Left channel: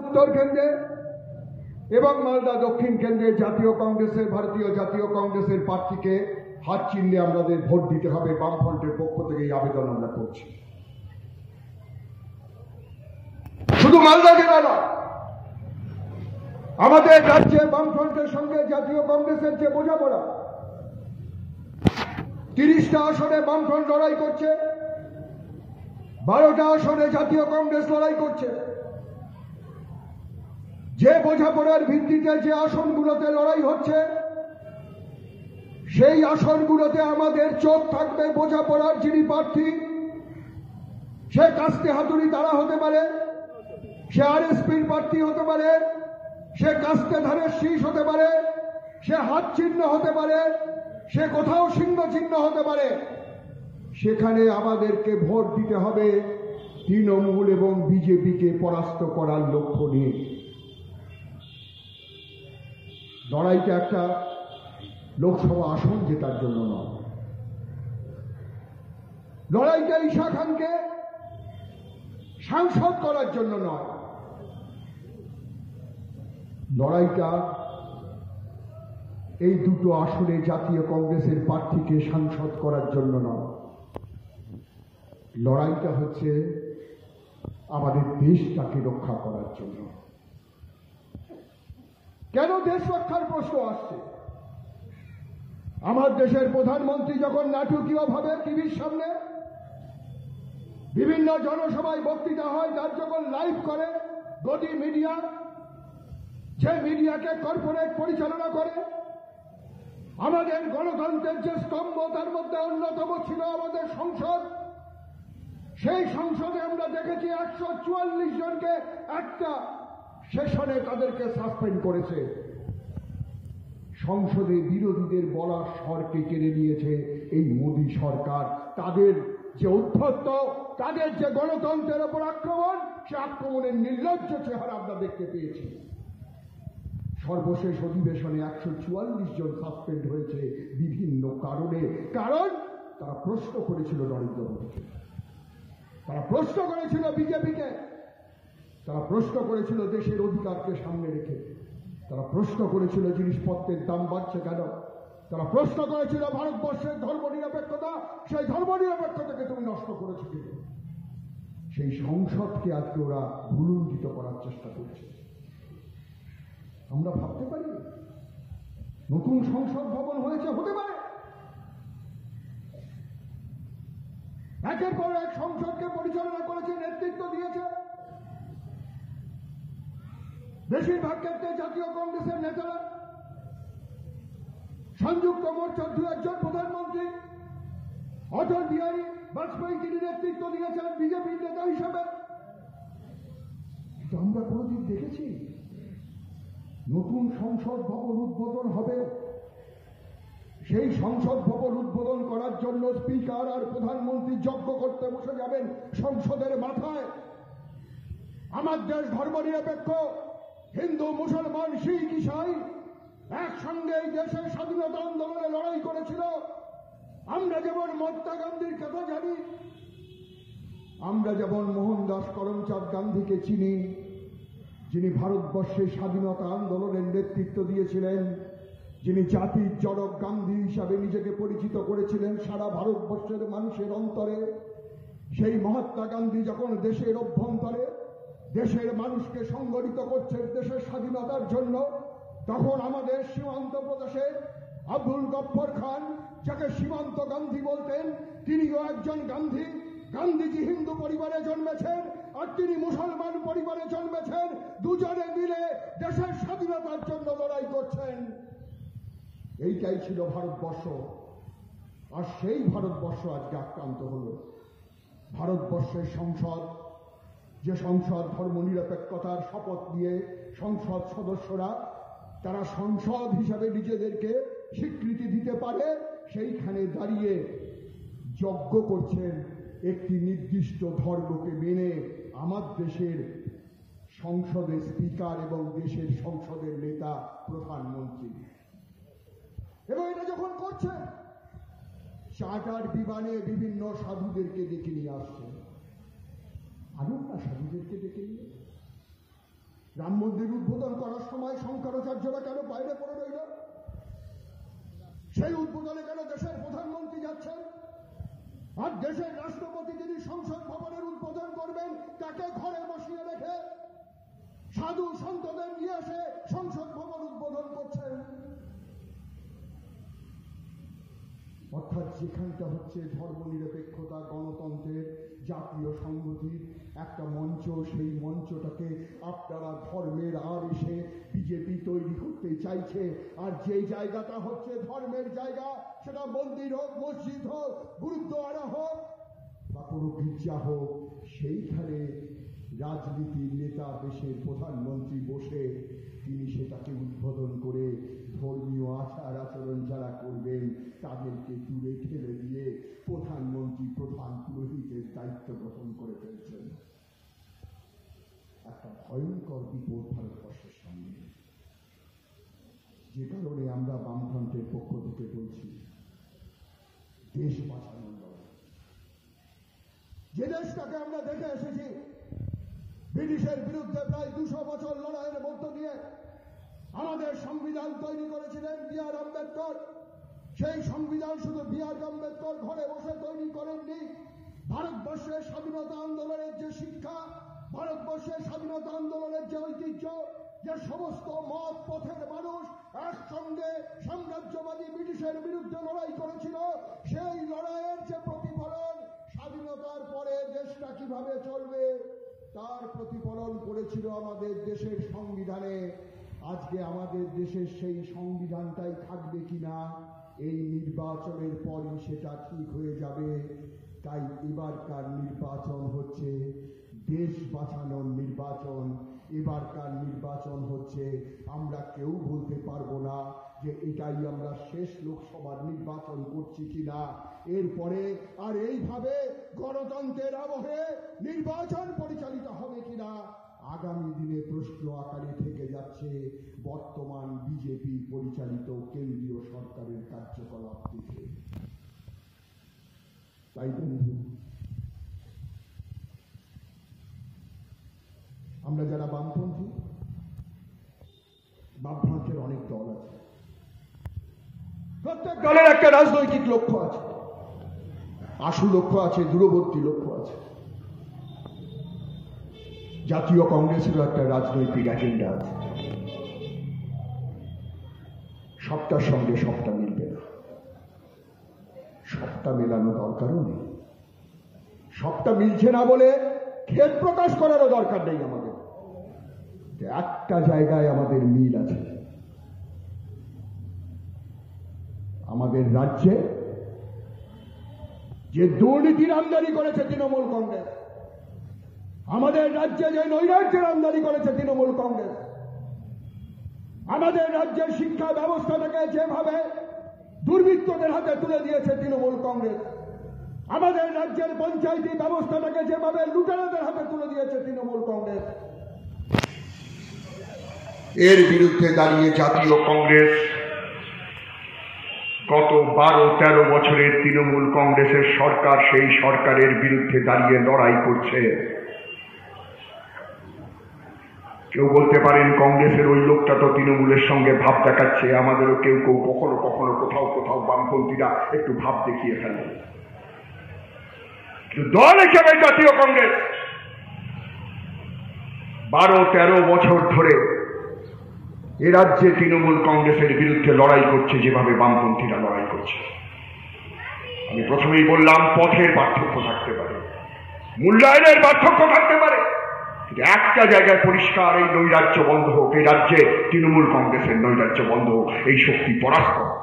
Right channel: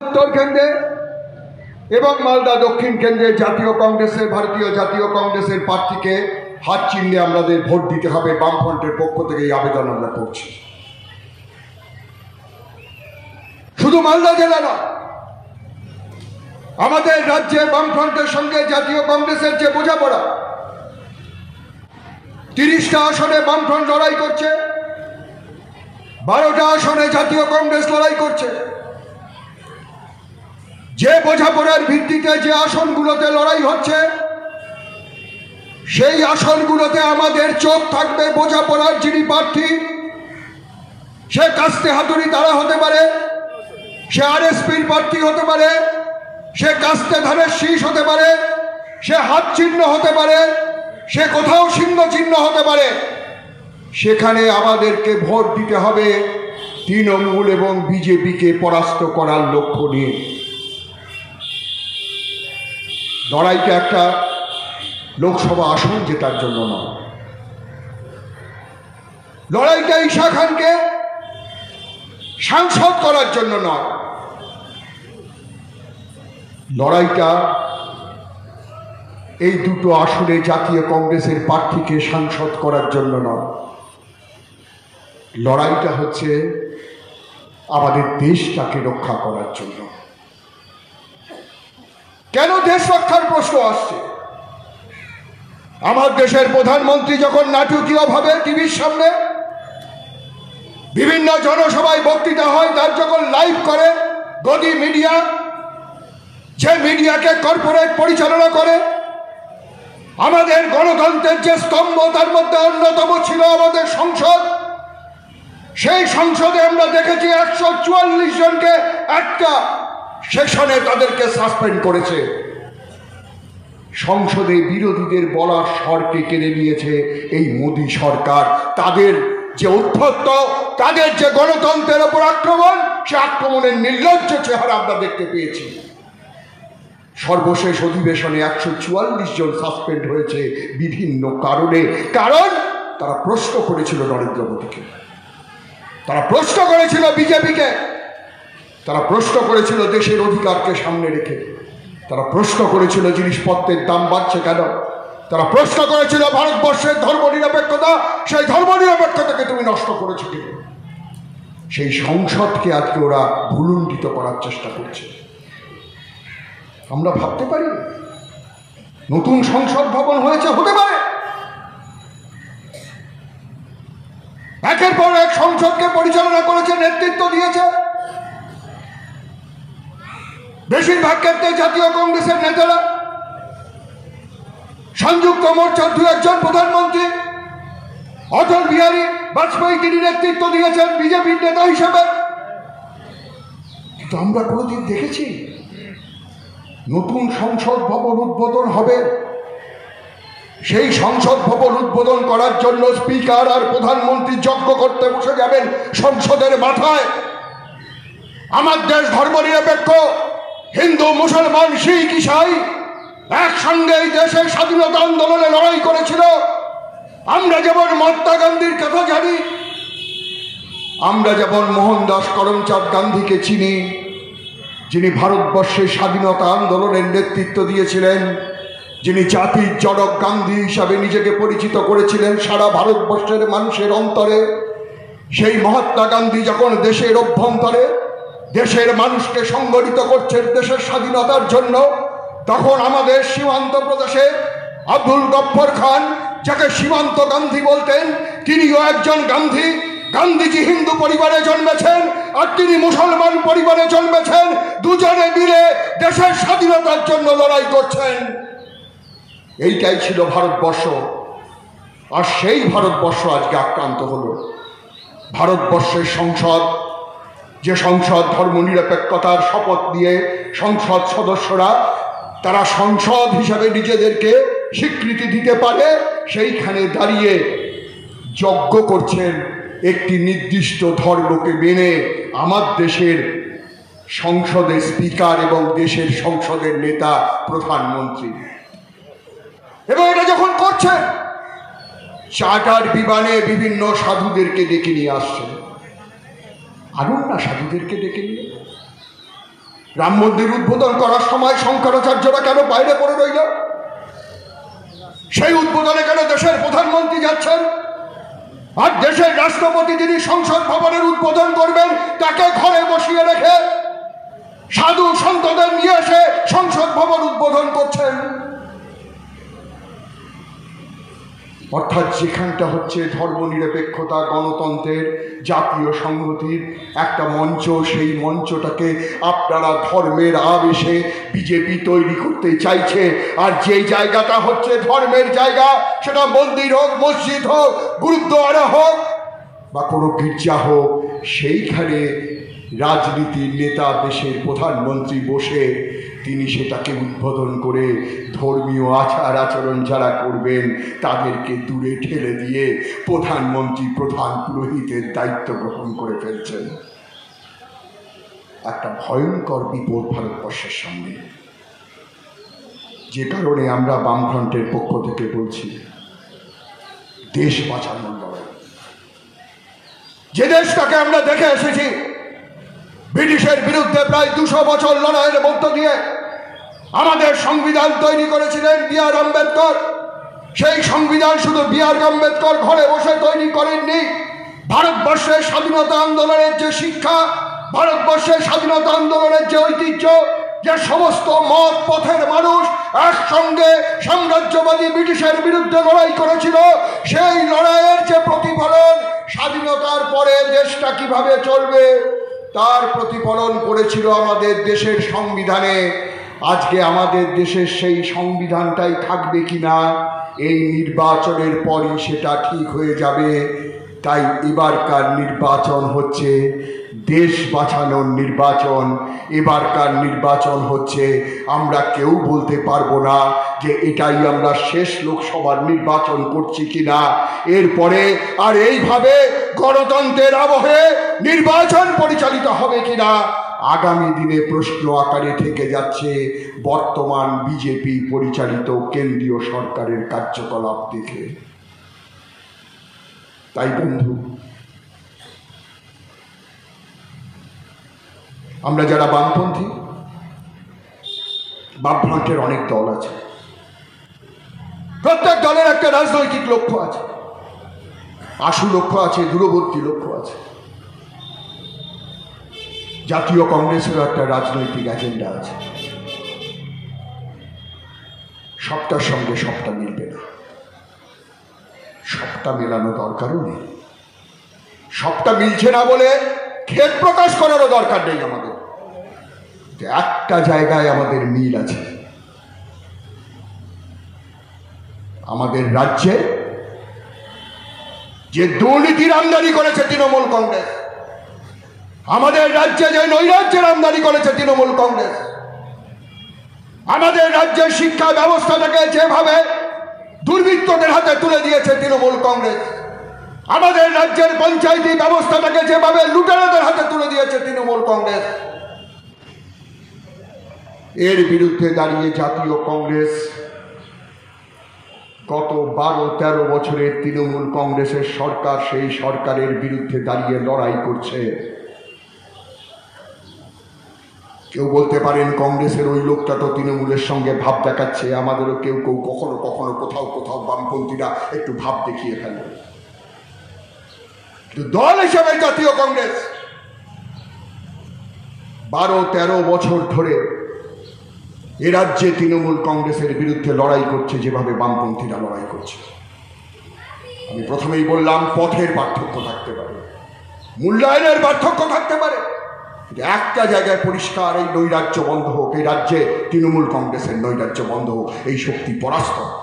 উত্তর কেন্দ্রে এবং মালদা দক্ষিণ কেন্দ্রে ভারতীয় জাতীয় কংগ্রেসের প্রার্থীকে হাত চিহ্নে আমাদের ভোট দিতে হবে। বামফ্রন্টের পক্ষ থেকে এই আবেদন আমরা করছি। শুধু মালদা জেলা না, আমাদের রাজ্যে বামফ্রন্টের সঙ্গে জাতীয় কংগ্রেসের যে বোঝাপড়া, 30টা আসনে বামফ্রন্ট লড়াই করছে, 12টা আসনে জাতীয় কংগ্রেস লড়াই করছে। যে বোঝাপড়ার ভিত্তিতে যে আসনগুলোতে লড়াই হচ্ছে, সেই আসনগুলোতে আমাদের চোখ থাকবে বোঝাপড়ার যিনি প্রার্থী, সে কাস্তে হাতুড়ি তারা হতে পারে, সে আরএসপির প্রার্থী হতে পারে, সে কাস্তে ধানের শীষ হতে পারে, সে হাত চিহ্ন হতে পারে, সে কোথাও সিংহ চিহ্ন হতে পারে। সেখানে আমাদেরকে ভোট দিতে হবে তৃণমূল এবং বিজেপিকে পরাস্ত করার লক্ষ্য নিয়ে। লড়াইটা একটা লোকসভা আসন জেতার জন্য নয়, লড়াইটা ঈশা খানকে সাংসদ করার জন্য নয়, লড়াইটা এই দুটো আসনে জাতীয় কংগ্রেসের প্রার্থীকে সাংসদ করার জন্য নয়, লড়াইটা হচ্ছে আমাদের দেশটাকে রক্ষা করার জন্য। কেন দেশ রক্ষার প্রশ্ন আসছে? আমার দেশের প্রধানমন্ত্রী যখন নাটকীয়ভাবে টিভির সামনে বিভিন্ন জনসভায় বক্তৃতা হয়, তার যখন লাইভ করে গদি মিডিয়া, যে মিডিয়াকে কর্পোরেট পরিচালনা করে, আমাদের গণতন্ত্রের যে স্তম্ভ তার মধ্যে অন্যতম ছিল আমাদের সংসদ। সেই সংসদে আমরা দেখেছি 144 জনকে একটা সেশনে তাদেরকে সাসপেন্ড করেছে। সংসদে বিরোধীদের বলার স্বরকে কেড়ে নিয়েছে এই মোদী সরকার। তাদের যে উদ্ধত্ত, তাদের যে গণতন্ত্রের ওপর আক্রমণ, সে আক্রমণের নির্লজ্জ চেহারা আমরা দেখতে পেয়েছি। সর্বশেষ অধিবেশনে 144 জন সাসপেন্ড হয়েছে বিভিন্ন কারণে। কারণ তারা প্রশ্ন করেছিল নরেন্দ্র মোদীকে, তারা প্রশ্ন করেছিল বিজেপিকে, তারা প্রশ্ন করেছিল দেশের অধিকারকে সামনে রেখে, তারা প্রশ্ন করেছিল জিনিসপত্রের দাম বাড়ছে কেন, তারা প্রশ্ন করেছিল ভারতবর্ষের ধর্মনিরপেক্ষতা, সেই ধর্মনিরপেক্ষতাকে তুমি নষ্ট করেছো কেন। সেই সংসদকে আজকে ওরা ভুলুণ্ঠিত করার চেষ্টা করছে। আমরা ভাবতে পারি নতুন সংসদ ভবন হয়েছে, হতে পারে একের পর এক সংসদকে পরিচালনা করেছে, নেতৃত্ব দিয়েছে। বেশিরভাগ ক্ষেত্রে জাতীয় কংগ্রেসের নেতারা, সংযুক্ত মোর্চার 2-1 প্রধানমন্ত্রী, অটল বিহারী বাজপেয়ী তিনি নেতৃত্ব দিয়েছেন বিজেপির নেতা হিসেবে। কিন্তু আমরা কোনোদিন দেখেছি নতুন সংসদ ভবন উদ্বোধন হবে, সেই সংসদ ভবন উদ্বোধন করার জন্য স্পিকার আর প্রধানমন্ত্রী যজ্ঞ করতে বসে যাবেন সংসদের মাথায়? আমার দেশ ধর্মনিরপেক্ষ, হিন্দু মুসলমান শিখ ইসাই একসঙ্গে এই দেশের স্বাধীনতা আন্দোলনে লড়াই করেছিল। আমরা যেমন মহাত্মা গান্ধীর কথা জানি, আমরা যেমন মোহনদাস করমচাঁদ গান্ধীকে চিনি, যিনি ভারতবর্ষের স্বাধীনতা আন্দোলনের নেতৃত্ব দিয়েছিলেন, যিনি জাতির জনক গান্ধী হিসাবে নিজেকে পরিচিত করেছিলেন সারা ভারতবর্ষের মানুষের অন্তরে। সেই মহাত্মা গান্ধী যখন দেশের অভ্যন্তরে দেশের মানুষকে সংগঠিত করছেন দেশের স্বাধীনতার জন্য, তখন আমাদের সীমান্ত প্রদেশে আব্দুল গফফর খান, যাকে সীমান্ত গান্ধী বলতেন, তিনিও একজন গান্ধী। গান্ধীজি হিন্দু পরিবারে জন্মেছেন আর তিনি মুসলমান পরিবারে জন্মেছেন, দুজনে মিলে দেশের স্বাধীনতার জন্য লড়াই করছেন। এইটাই ছিল ভারতবর্ষ। আর সেই ভারতবর্ষ আজকে আক্রান্ত হলো। ভারতবর্ষের সংসদ, যে সংসদ ধর্মনিরপেক্ষতার শপথ দিয়ে সংসদ সদস্যরা তারা সংসদ হিসাবে নিজেদেরকে স্বীকৃতি দিতে পারে, সেইখানে দাঁড়িয়ে যজ্ঞ করছেন একটি নির্দিষ্ট ধর্মকে মেনে আমার দেশের সংসদের স্পিকার এবং দেশের সংসদের নেতা প্রধানমন্ত্রী। এবং এটা যখন করছে, চার্টার বিমানে বিভিন্ন সাধুদেরকে ডেকে নিয়ে আসছে। আনুন না সাধুদেরকে ডেকে নিয়ে, রাম মন্দির উদ্বোধন করার সময় শঙ্করাচার্যরা কেন বাইরে পড়ে রইল? সেই উদ্বোধনে কেন দেশের প্রধানমন্ত্রী যাচ্ছেন? আর দেশের রাষ্ট্রপতি যিনি সংসদ ভবনের উদ্বোধন করবেন তাকে ঘরে বসিয়ে রেখে সাধু সন্তদের নিয়ে এসে সংসদ ভবন উদ্বোধন করছেন। অর্থাৎ যেখানটা হচ্ছে ধর্মনিরপেক্ষতা, গণতন্ত্রের, জাতীয় সংহতির একটা মঞ্চ, সেই মঞ্চটাকে আপনারা ধর্মের আবেশে বিজেপি তৈরি করতে চাইছে। আর যেই জায়গাটা হচ্ছে ধর্মের জায়গা, সেটা মন্দির হোক, মসজিদ হোক, গুরুদ্বারা হোক বা কোনো গির্জা হোক, সেইখানে রাজনীতির নেতা, দেশের প্রধানমন্ত্রী বসে তিনি সেটাকে উদ্বোধন করে ধর্মীয় আচার আচরণ যারা করবেন তাদেরকে দূরে ঠেলে দিয়ে প্রধানমন্ত্রী প্রধান পুরোহিতের দায়িত্ব গ্রহণ করে ফেলছেন। একটা ভয়ঙ্কর বিপদ ভারতবর্ষের সামনে, যে কারণে আমরা বামফ্রন্টের পক্ষ থেকে বলছি দেশ বাঁচানোর লড়াই। যে দেশটাকে আমরা দেখে এসেছি ব্রিটিশের বিরুদ্ধে প্রায় 200 বছর লড়াইয়ের মধ্য দিয়ে আমাদের সংবিধান তৈরি করেছিলেন বি.আর. আম্বেদকর। সেই সংবিধান শুধু বি.আর. আম্বেদকর ঘরে বসে তৈরি করেননি। ভারতবর্ষের স্বাধীনতা আন্দোলনের যে শিক্ষা, ভারতবর্ষের স্বাধীনতা আন্দোলনের যে ঐতিহ্য, যে সমস্ত মত পথের মানুষ একসঙ্গে সাম্রাজ্যবাদী ব্রিটিশের বিরুদ্ধে লড়াই করেছিল, সেই লড়াইয়ের যে প্রতিফলন স্বাধীনতার পরে দেশটা কিভাবে চলবে তার প্রতিফলন করেছিল আমাদের দেশের সংবিধানে। আজকে আমাদের দেশের সেই সংবিধানটাই থাকবে কিনা এই নির্বাচনের পরই সেটা ঠিক হয়ে যাবে। তাই এবারকার নির্বাচন হচ্ছে দেশ বাঁচানোর নির্বাচন। এবারকার নির্বাচন হচ্ছে, আমরা কেউ বলতে পারবো না যে এটাই আমরা শেষ লোকসভার নির্বাচন করছি কিনা। এরপরে আর এইভাবে গণতন্ত্রের আবহে নির্বাচন পরিচালিত হবে কিনা আগামী দিনে প্রশ্ন আকারে থেকে যাচ্ছে বর্তমান বিজেপি পরিচালিত কেন্দ্রীয় সরকারের কার্যকলাপ দেখে। তাই বন্ধু, আমরা যারা বামপন্থী, বামফ্রন্টের অনেক দল আছে, প্রত্যেক দলের একটা রাজনৈতিক লক্ষ্য আছে, আশু লক্ষ্য আছে, দূরবর্তী লক্ষ্য আছে। জাতীয় কংগ্রেসেরও একটা রাজনৈতিক এজেন্ডা আছে। সবটার সঙ্গে সবটা মিলবে না, সবটা মেলানো দরকারও নেই। সবটা মিলছে না বলে খেদ প্রকাশ করারও দরকার নেই। আমাদের একটা জায়গায় আমাদের মিল আছে। আমাদের রাজ্যে যে দুর্নীতির আমদানি করেছে তৃণমূল কংগ্রেস, আমাদের রাজ্যে যে নৈরাজ্যের আমদানি করেছে তৃণমূল কংগ্রেস, আমাদের রাজ্যের শিক্ষা ব্যবস্থাটাকে যেভাবে দুর্বৃত্তদের হাতে তুলে দিয়েছে তৃণমূল কংগ্রেস, আমাদের রাজ্যের পঞ্চায়েতি ব্যবস্থাটাকে যেভাবে লুটেরাদের হাতে তুলে দিয়েছে তৃণমূল কংগ্রেস, এর বিরুদ্ধে দাঁড়িয়ে জাতীয় কংগ্রেস গত 12-13 বছরের তৃণমূল কংগ্রেসের সরকার, সেই সরকারের বিরুদ্ধে দাঁড়িয়ে লড়াই করছে। কেউ বলতে পারেন কংগ্রেসের ওই লোকটা তো তৃণমূলের সঙ্গে ভাব দেখাচ্ছে। আমাদেরও কেউ কেউ কখনো কখনো কোথাও কোথাও বামপন্থীরা একটু ভাব দেখিয়ে ফেলে। দল হিসেবে জাতীয় কংগ্রেস 12-13 বছর ধরে এ রাজ্যে তৃণমূল কংগ্রেসের বিরুদ্ধে লড়াই করছে যেভাবে বামপন্থীরা লড়াই করছে। আমি প্রথমেই বললাম পথের পার্থক্য থাকতে পারে, মূল্যায়নের পার্থক্য থাকতে পারে, কিন্তু একটা জায়গায় পরিষ্কার, এই নৈরাজ্য বন্ধ হোক, এই রাজ্যে তৃণমূল কংগ্রেসের নৈরাজ্য বন্ধ হোক, এই শক্তি পরাস্ত হোক।